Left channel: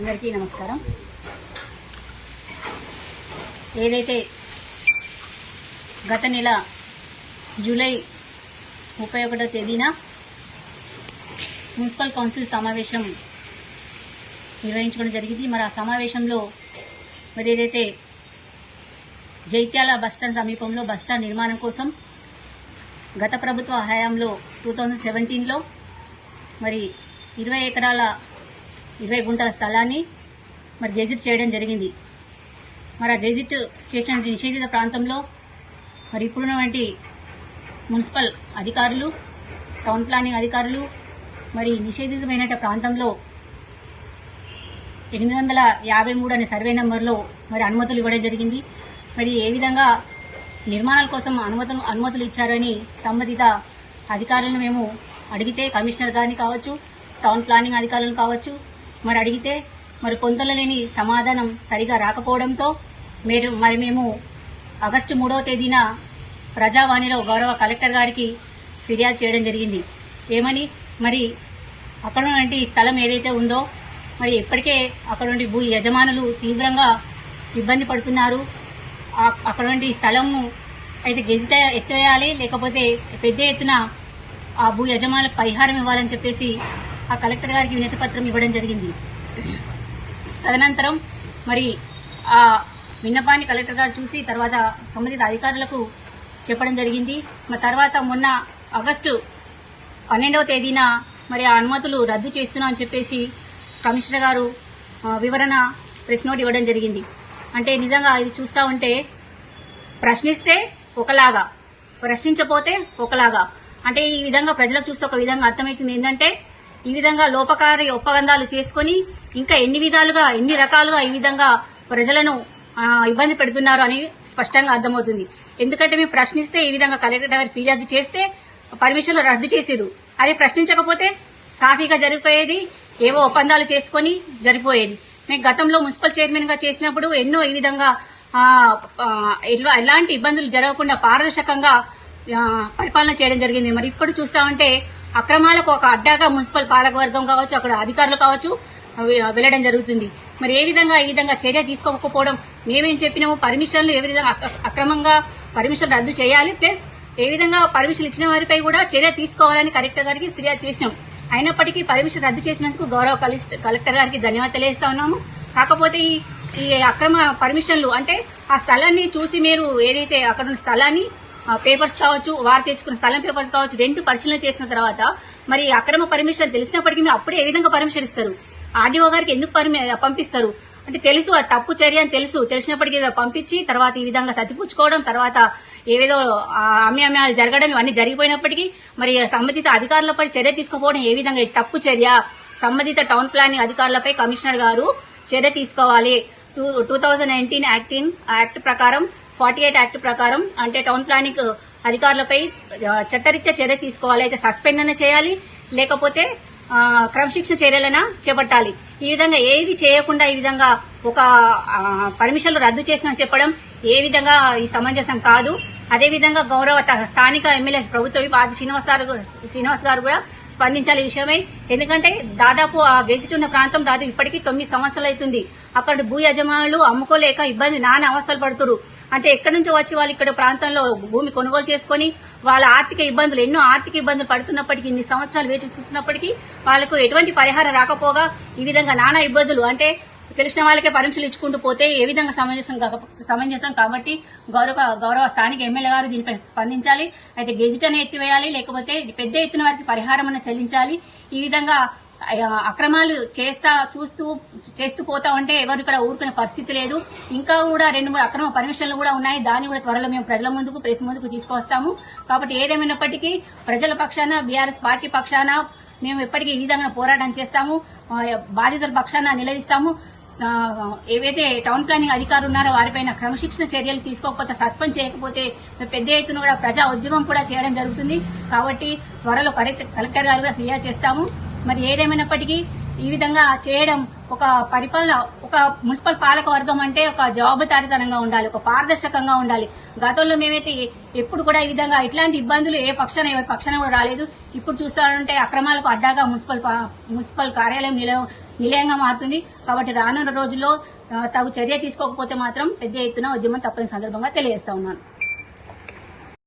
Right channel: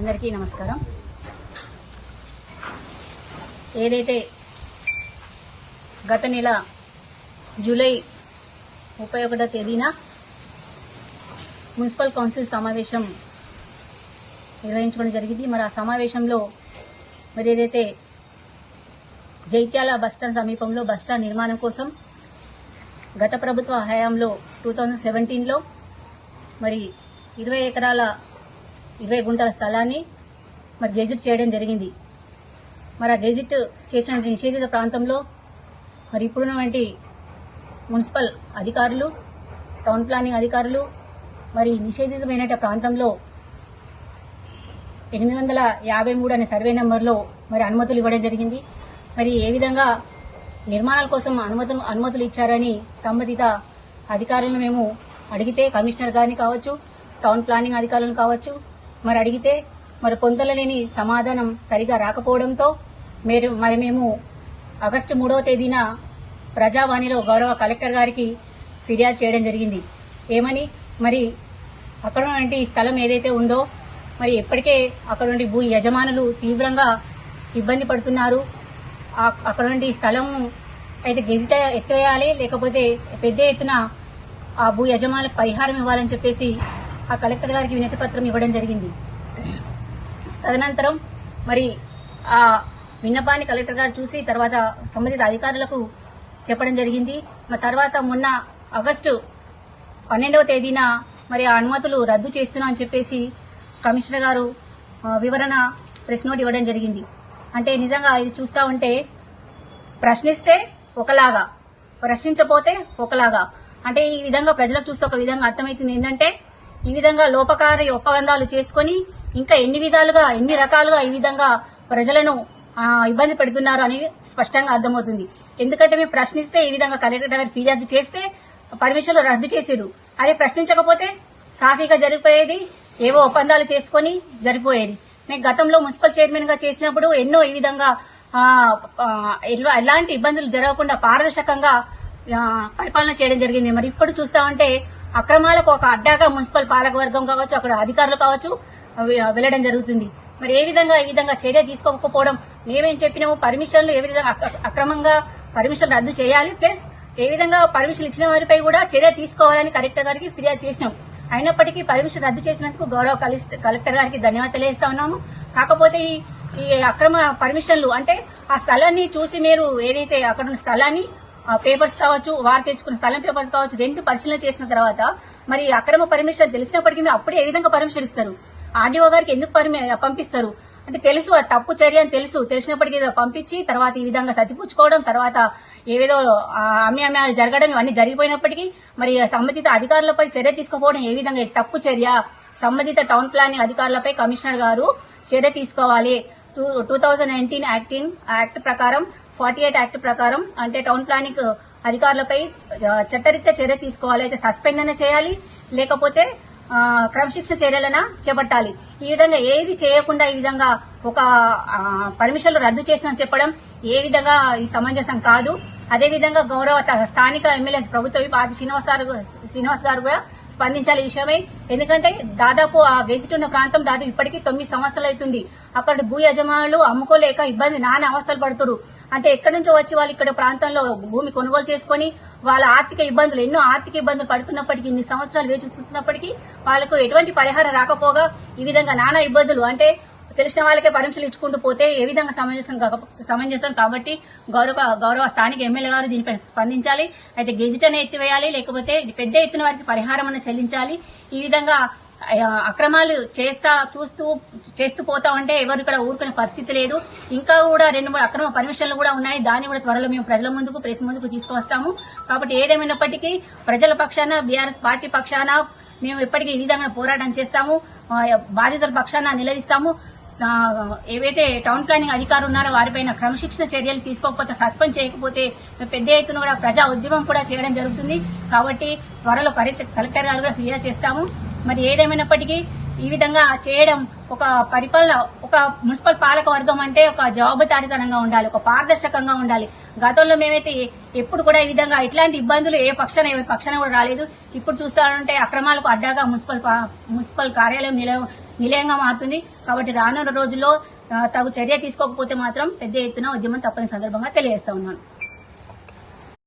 అందరికీ నమస్కారం. ఏదైతే గత నెల జూలై 31వ తేదీన మున్సిపల్ కౌన్సిల్ సమావేశం నిర్వహించుకోవడం జరిగింది. మరి ఆ సమావేశంలో మరి ఏదైతే జైత్యాల బస్టాండ్ సమీపంలో బస్టాండ్ నిర్మాణం కోసం గత ప్రభుత్వ హయాంలో 2017లో మరి 20 ఎకరాల 20 గుంటల స్థలాన్ని మరి గెజిట్ చేయడం జరిగింది. మరి ఆ గెజిట్ చేసిన నిషేధిత ప్రాంతంలో మరి ఇప్పుడున్నటువంటి మున్సిపల్ అధికారులు, టౌన్ ప్లానింగ్ అధికారులు మరి నిషేధితమైన ప్రాంతంలో 853 అనే సర్వే నెంబర్లో మరి అనుమతులు ఇవ్వడం జరిగింది. మరి ఏ విధంగా నిర్మాణాల కోసం అనుమతులు ఇచ్చారని సంబంధిత అధికారులను మేము అడిగితే, కమిషనర్ గారిని కావచ్చు, టౌన్ ప్లానింగ్ అధికారులను కావచ్చు మరి అడిగితే మరి పొంతలలేని సమాధానం సరిగా రాకపోవడంతో మేము ఆగస్టు 3వ తేదీన ప్రజావాణిలో గౌరవ కలెక్టర్ గారికి ఫిర్యాదు చేయడం జరిగింది. ఏమని, మరి అక్కడ నుండి స్థలం ఏదైతే ఉందో మరి ఇప్పటికే అక్కడ నుండి భూ యజమానులు తీవ్రంగా ఇబ్బంది పడుతున్నారు. అక్కడ నుండి స్థలము అయితే గెజిట్ ఎత్తివేయాలి, లేకపోతే పెద్ద ఎత్తున ఆ భూ యజమానులకు పరిహారం ఇవ్వాలని చెప్పేసి ఆ కలెక్టర్ గారికి వినతి పత్రం ఇవ్వడం జరిగింది. తదనంతరం మరి ఆ విన్నపాన్ని కలెక్టర్ గారు చూసి తర్వాత సంబంధిత అధికారులకు చెప్పడం జరిగింది. మరి తర్వాత మొన్న ఆగస్టు 12వ తేదీన మరి ఆ అనుమతులు రద్దు చేస్తున్నామని చెప్పేసి కమిషనర్ గారు వివరణ ప్రెస్ నోట్ ఇవ్వడం జరిగింది. అంటే నిజంగా ఇది చూస్తూ ఉంటే ప్రశ్నిస్తే ఒకలాగా, ప్రశ్నించపోతే ఒకలాగా, అంటే ఈ విధంగా ప్రజలకు చూస్తే ఒక విధంగా అర్థమవుతుంది. ఏంటంటే ఈ విధంగా లోపకారి ఒప్పందాలు చేసుకుని ఇంకా ఎన్ని రకాలుగా ఈ విధంగా ప్రజలను ఇబ్బంది పెడుతున్నారు అని స్పష్టంగా అర్థమవుతుంది. ఎందుకంటే మేము ప్రశ్నిస్తే ఈ విధంగా కలెక్టర్ గారు ఫిర్యాదు చేస్తే పర్మిషన్లు రద్దు చేసేది, అదే ప్రశ్నించకపోతే సాఫీగా జరిగిపోయేది, ఏవో ఒప్పందాలు చేసుకుని జరిగిపోయేది. మేము గతంలో మున్సిపల్ చైర్మన్ గా చేసినప్పుడు ఎన్నో ఈ విధంగా ఎలాంటి ఇబ్బందులు జరగకుండా పారదర్శకంగా పరిపాలన చేయడం జరిగింది. మరి ఇప్పుడు చూస్తా ఉంటే అక్రమాలకు ఒక అడ్డాగా మున్సిపల్ పాలకవర్గం కావచ్చు, అక్కడ అధికారులు కావచ్చు వెళ్లడం జరుగుతుంది. మరి ఈ విధంగా చర్య తీసుకోకపోవడం, మేమేం చెప్పినాము, పర్మిషన్లు ఏ విధంగా అక్రమంగా పర్మిషన్ రద్దు చేయాలి, ప్లస్ ఏ విధంగా పర్మిషన్ ఇచ్చిన వారిపై కూడా చర్య తీసుకోవాలని కలెక్టర్ గారికి ఫిర్యాదు చేసినాం. అయినప్పటికీ పర్మిషన్ రద్దు చేసినందుకు గౌరవ కలెక్టర్ గారికి ధన్యవాదాలు తెలియజేస్తా ఉన్నాము. కాకపోతే ఈ అక్రమ పర్మిషన్లు అంటే ఆ స్థలాన్ని చూసి మీరు ఏదైతే అక్కడ ఉన్న స్థలాన్ని పేపర్స్ కావచ్చు, వారు తెచ్చుకున్న స్థలం పేపర్స్ కావచ్చు, రెండు పరిశీలన చేసిన తర్వాత మరి అక్రమ పర్మిషన్ తెలిసినప్పటికీ అప్పుడే ఏ విధంగా పర్మిషన్ ఇస్తారు? ఆర్డీఓ గారికి ఎందుకు పంపిస్తారు? అంటే తెలుసు అది తప్పు చర్య అని తెలిసినప్పటికీ పంపించి తర్వాత ఈ విధంగా సతిపుచ్చుకోవడం, తర్వాత ఏవేదో అమ్మాలు జరగడం, ఇవన్నీ జరిగిపోయినప్పటికీ మరి సంబంధిత అధికారులపై చర్య తీసుకోకపోవడం ఏ విధంగా తప్పు చర్య? సంబంధిత టౌన్ ప్లానింగ్ అధికారులపై కమిషనర్ గారు చర్య తీసుకోవాలి. 2019 యాక్ట్ ప్రకారం 48 యాక్ట్ ప్రకారం అంటే టౌన్ ప్లానింగ్ అధికారులపై చట్టరీత్యా చర్య తీసుకోవాలి. అయితే సస్పెండ్ అన్న చేయాలి, లేకపోతే క్రమశిక్షణ చర్యలైనా చేపట్టాలి. ఈ విధంగా ఏది చేయకుండా ఈ విధంగా ఒక పర్మిషన్లు రద్దు చేస్తామని చెప్పడం ఏ విధంగా ఈ సమంజసం కాదు. అదేవిధంగా గౌరవ స్థానిక ఎమ్మెల్యే ప్రభుత్వ ఆది శ్రీనివాస్ గారు కూడా స్పందించాలి ఈ విషయమై. ఎందుకంటే దాదాపు ఆ గెజిట్ ఉన్న ప్రాంతం దాదాపు ఇప్పటికీ 9 సంవత్సరాలు అవుతుంది. అక్కడ భూ యజమానులు అమ్ముకోలేక నానా అవస్థలు పడుతున్నారు. అంటే ఎక్కడి నుంచో వచ్చి వాళ్ళు ఇక్కడ ప్రాంతంలో భూమి కొనుగోలు చేసుకుని వాళ్ళ ఎన్నో ఆర్థిక ఇబ్బందులు పడుతున్నప్పటికీ, ఇన్ని సంవత్సరాలు వేచి చూస్తున్నప్పటికీ వాళ్ళకు ఎటువంటి పరిహారం రాకపోగా ఈ విధంగా నానా ఇబ్బందులు, అంటే తెలిసిన వాళ్ళకే పర్మిషన్లు ఇచ్చుకుంటూ పోతే ఏ విధంగా సమంజసం? కాబట్టి గౌరవ స్థానిక ఎమ్మెల్యే గారు దీనిపై స్పందించాలి. అయితే గెజిట్ అనే ఎత్తివేయాలి, లేకపోతే పెద్ద ఎత్తున వారికి పరిహారం అన్న చెల్లించాలి. ఈ విధంగా అక్రమాలు చేస్తూ పోతా ఉంటే ఎవరు ఇక్కడ ఊరుకునే పరిస్థితి లేదు. ఇంకా కూడా 2-3 అక్రమ పర్మిషన్లు కూడా ఉన్నాయి. దాన్ని కూడా త్వరలో మేము ప్రజల ముందుకు, ప్రెస్ ముందుకు తీసుకువస్తాము. కాబట్టి ఏదేమైనప్పటికీ ప్రజల పక్షాన, బీఆర్ఎస్ పార్టీ పక్షాన మేము ఎప్పటికీ ఈ విధంగా పోరాటం చేస్తాము. బాధితుల పక్షాన నిలదీస్తాము. ఏవైతే టౌన్ ప్లానింగ్ అధికారులు ఉన్నారో వారిపైన క్రమశిక్షణ చర్యలు తీసుకోకపోతే, సస్పెండ్ చేయకపోతే పెద్ద ఎత్తున కూడా ప్రజా ఉద్యమం కూడా చేయడం జరుగుతుంది. కాబట్టి త్వరలో కలెక్టర్ గారు కూడా ఫిర్యాదు చేస్తాము. మరి ఏదేమైనప్పటికీ ఈ విధంగా చేయడం ఒక పరిపాలన, ఒక మున్సిపల్ పాలక వర్గం అంటే ఒక జవాబుదారీతనంగా ఉండాలి, ఒక పారదర్శకంగా ఉండాలి. గతంలో మేమైతే ఎప్పుడు కూడా ఈ విధంగా ఇట్లాంటి ఇబ్బందులు ఎవరి పక్షాన కూడా రాలేదు. ఇప్పుడు చూస్తానంటే అక్రమాలకు అడ్డాగా మున్సిపల్ కార్యాలయం నిలయంగా మారుతుంది. కాబట్టి రానున్న రోజుల్లో తగు చర్య తీసుకోకపోతే మాత్రం పెద్ద ఎత్తున ఉద్యమం తప్పని సందర్భంగా తెలియజేస్తా ఉన్నాను.